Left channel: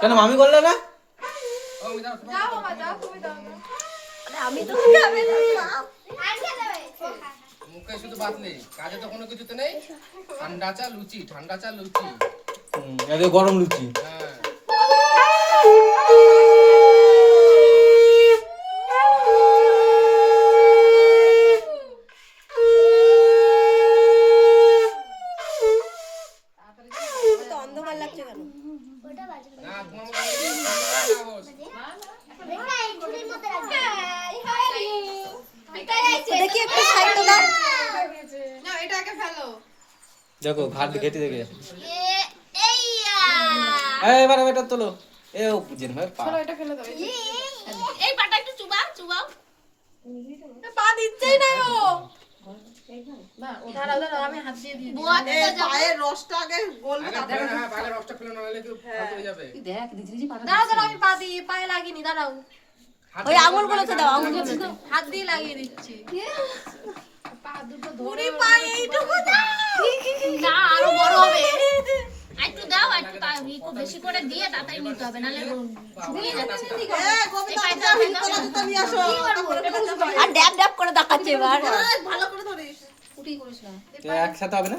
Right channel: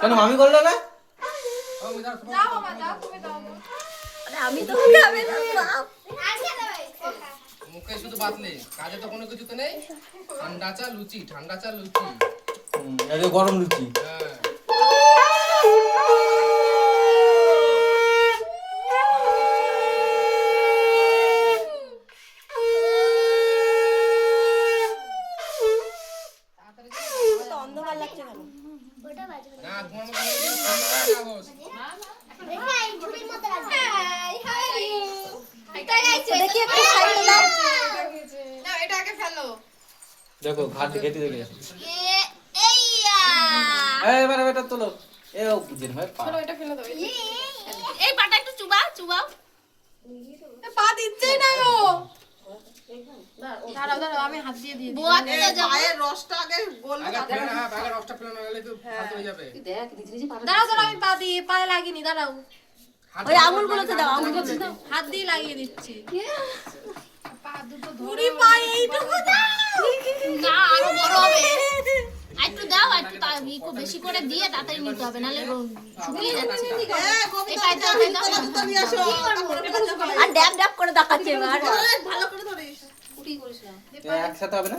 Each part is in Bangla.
কেন মামি করলে না? আমি তো মুখে শুধু ভাত নেই, কাজে তো কোনো কিছুতে নেই। ঠান্ডা চা লুচি, ঠান্ডা চা লুচি। এটা গরম লুচি। হ্যাঁ অন্ধকার লাগছে কেন? না তোমার মতো দেখি একটু সাইডে দাও। দেখো ঘাট ঘেটে দেখে এবার এটা তোলো। এ ও জিন ভাই পা। এই পাটা একটু চুবাও পা দিচ্ছেই না গো। দাঁড়াও আমি হাত দিয়ে দিই পায়ের রসটা আগে গলবে। তাহলে রসটা ফেলে নাহলে কি ফালতু হয়ে যাবে। দাঁড়াও আমি পা দিয়ে পায়ে লাগিনি দাঁড়াও ওই আঙুলগুলোতে দাও, আঙুলগুলোতে দাও। হাত দিয়ে লাগিয়ে দিচ্ছি পুরি পা এইটুকু দাও। না আরো বড় হবে একটু দাও একটু একটু বেশি করে দিয়ে তাড়াতাড়ি নিতে হবে নাহলে শুকিয়ে যাচ্ছে এই পাইটা জুতো নিয়ে আসো। আর ড্যাব ড্যাব করে দেখাচ্ছে এবার। ভালো করে ধরিস। পুরি করিস না। একসাথে হবে না?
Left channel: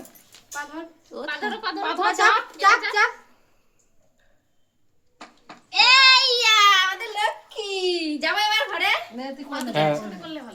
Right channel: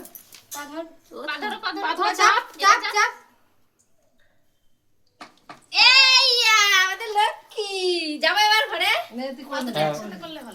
পাথর চাপ এই আমাদের লক্ষ্মী যাবো এবার ঘরে হ্যাঁ। করলে ভালো